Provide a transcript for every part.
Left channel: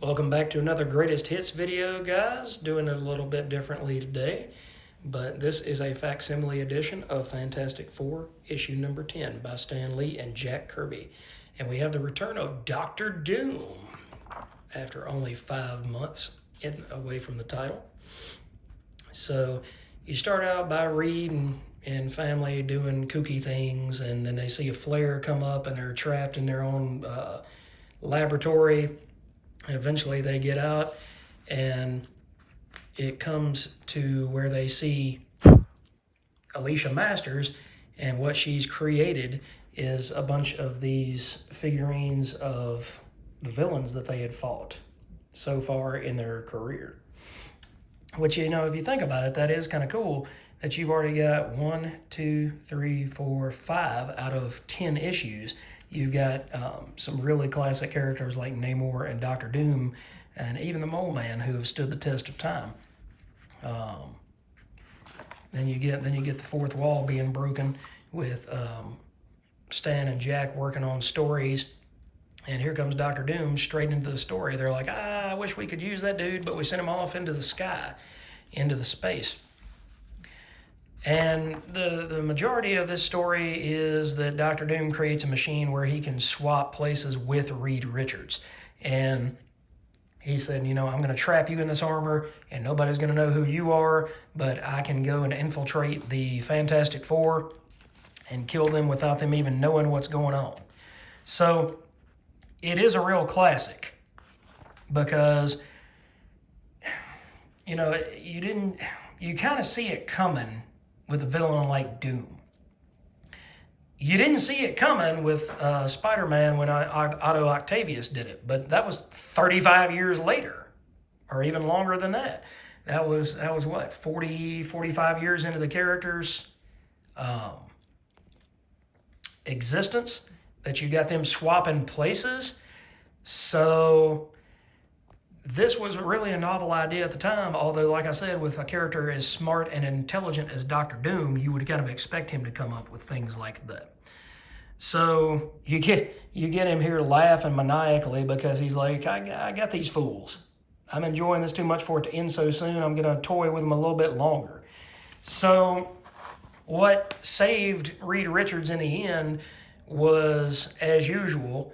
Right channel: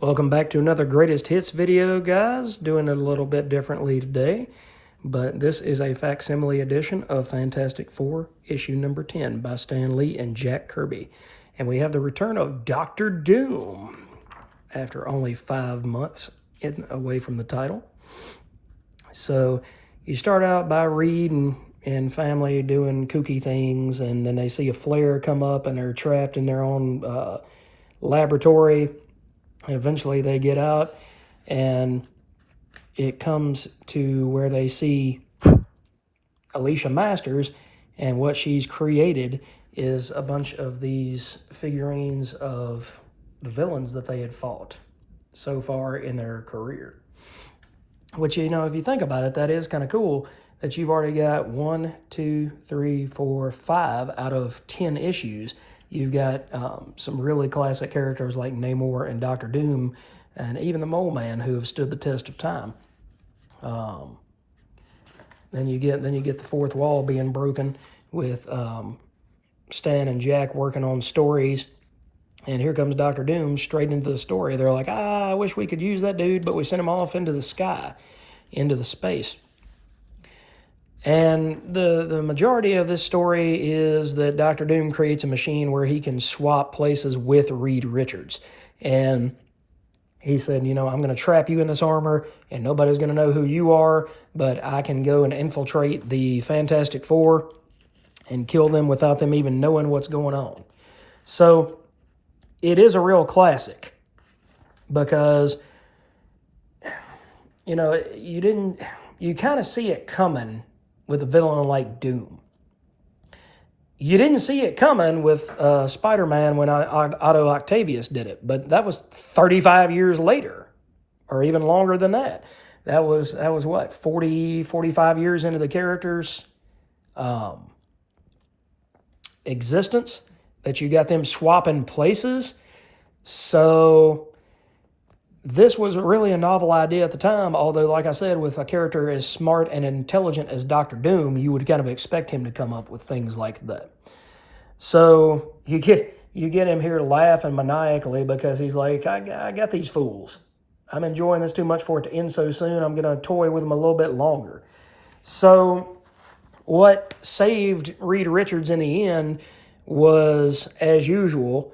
Welcome back to another Greatest Hits video, guys. Doing it a little bit differently today, but this is a facsimile edition of Fantastic Four, issue number 10 by Stan Lee and Jack Kirby. And we have the return of Doctor Doom after only 5 months away from the title. So you start out by Reed and family doing kooky things, and then they see a flare come up and they're trapped in their own laboratory. And eventually they get out, and it comes to where they see Alicia Masters, and what she's created is a bunch of these figurines of the villains that they had fought so far in their career. Which, you know, if you think about it, that is kind of cool that you've already got 1, 2, 3, 4, 5 out of 10 issues. You've got some really classic characters like Namor and Doctor Doom, and even the Mole Man, who have stood the test of time. Then you get the fourth wall being broken with Stan and Jack working on stories, and here comes Doctor Doom straight into the story. They're like, I wish we could use that dude, but we sent him off into the sky, into the space. And the majority of this story is that Dr. Doom creates a machine where he can swap places with Reed Richards. And he said, you know, I'm going to trap you in this armor, and nobody's going to know who you are, but I can go and infiltrate the Fantastic Four and kill them without them even knowing what's going on. So it is a real classic because, you know, you kind of see it coming with a villain like Doom. You didn't see it coming with Spider-Man when Otto Octavius did it, but that was 35 years later, or even longer than that. That was what, 40, 45 years into the character's existence that you got them swapping places. So this was really a novel idea at the time, although, like I said, with a character as smart and intelligent as Doctor Doom, you would kind of expect him to come up with things like that. So you get him here laughing maniacally because he's like, I got these fools. I'm enjoying this too much for it to end so soon. I'm going to toy with them a little bit longer. So what saved Reed Richards in the end was, as usual,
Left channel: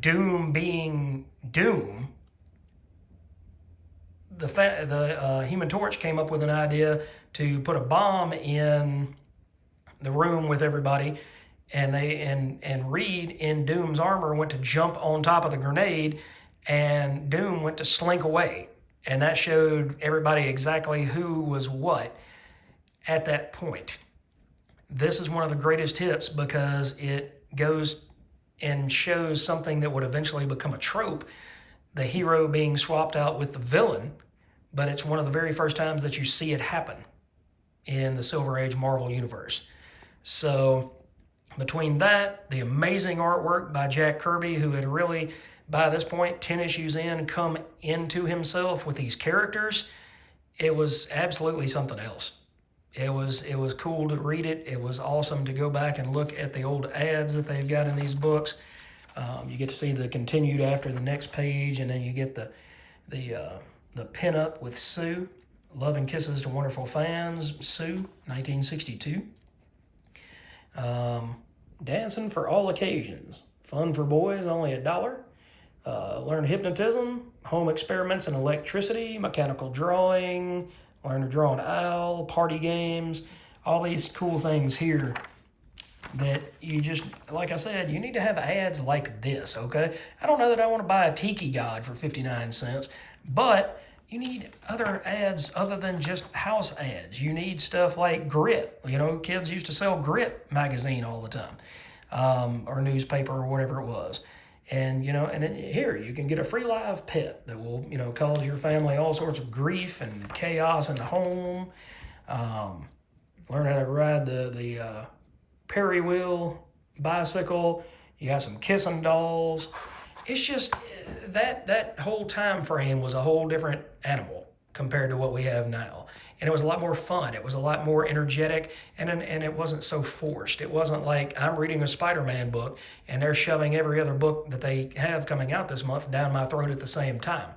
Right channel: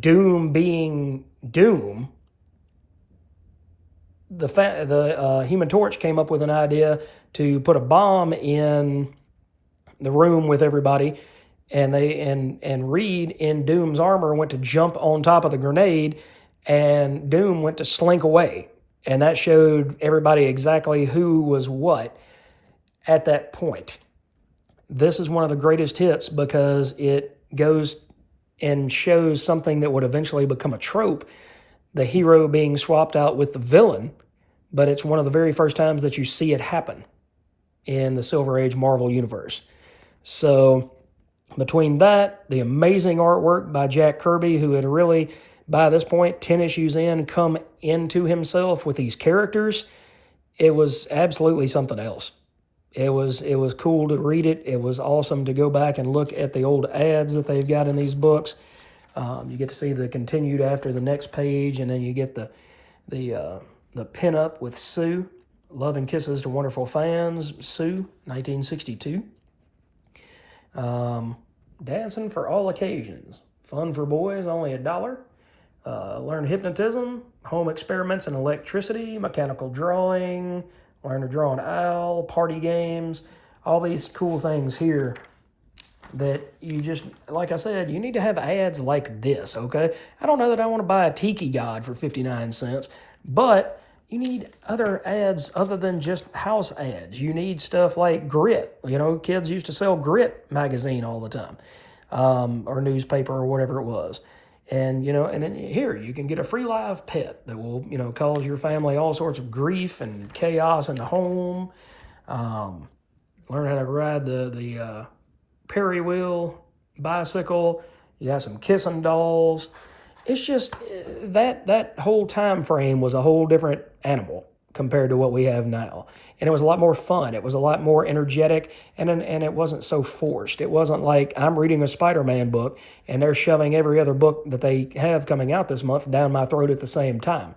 Doom being Doom. The Human Torch came up with an idea to put a bomb in the room with everybody, and Reed in Doom's armor went to jump on top of the grenade, and Doom went to slink away, and that showed everybody exactly who was what at that point. This is one of the greatest hits because it goes and shows something that would eventually become a trope, the hero being swapped out with the villain, but it's one of the very first times that you see it happen in the Silver Age Marvel Universe. So between that, the amazing artwork by Jack Kirby, who had really, by this point, 10 issues in, come into himself with these characters, it was absolutely something else. It was cool to read it. It was awesome to go back and look at the old ads that they've got in these books. You get to see the continued after the next page, and then you get the pinup with Sue. Love and Kisses to Wonderful Fans, Sue, 1962. Dancing for All Occasions. Fun for boys, only $1. Learn hypnotism, home experiments in electricity, mechanical drawing, learn to draw an owl, party games, all these cool things here that you just, like I said, you need to have ads like this, okay? I don't know that I want to buy a Tiki God for 59 cents, but you need other ads other than just house ads. You need stuff like Grit. You know, kids used to sell Grit magazine all the time, or newspaper or whatever it was. And, you know, and then here you can get a free live pet that will, you know, cause your family all sorts of grief and chaos in the home. Learn how to ride the Perry wheel bicycle. You got some kissing dolls. It's just that whole time frame was a whole different animal. compared to what we have now. And it was a lot more fun. It was a lot more energetic, and it wasn't so forced. It wasn't like I'm reading a Spider-Man book and they're shoving every other book that they have coming out this month down my throat at the same time.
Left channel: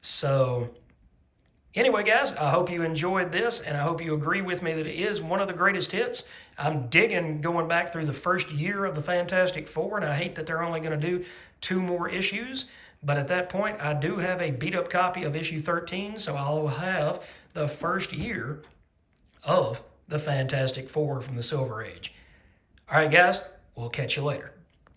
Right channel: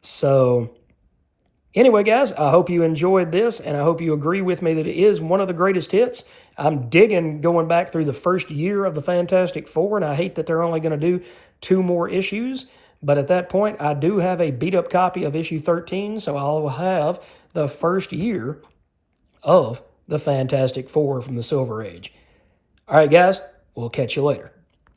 So anyway, guys, I hope you enjoyed this, and I hope you agree with me that it is one of the greatest hits. I'm digging going back through the first year of the Fantastic Four, and I hate that they're only going to do 2 more issues. But at that point, I do have a beat-up copy of issue 13, so I'll have the first year of the Fantastic Four from the Silver Age. All right, guys, we'll catch you later.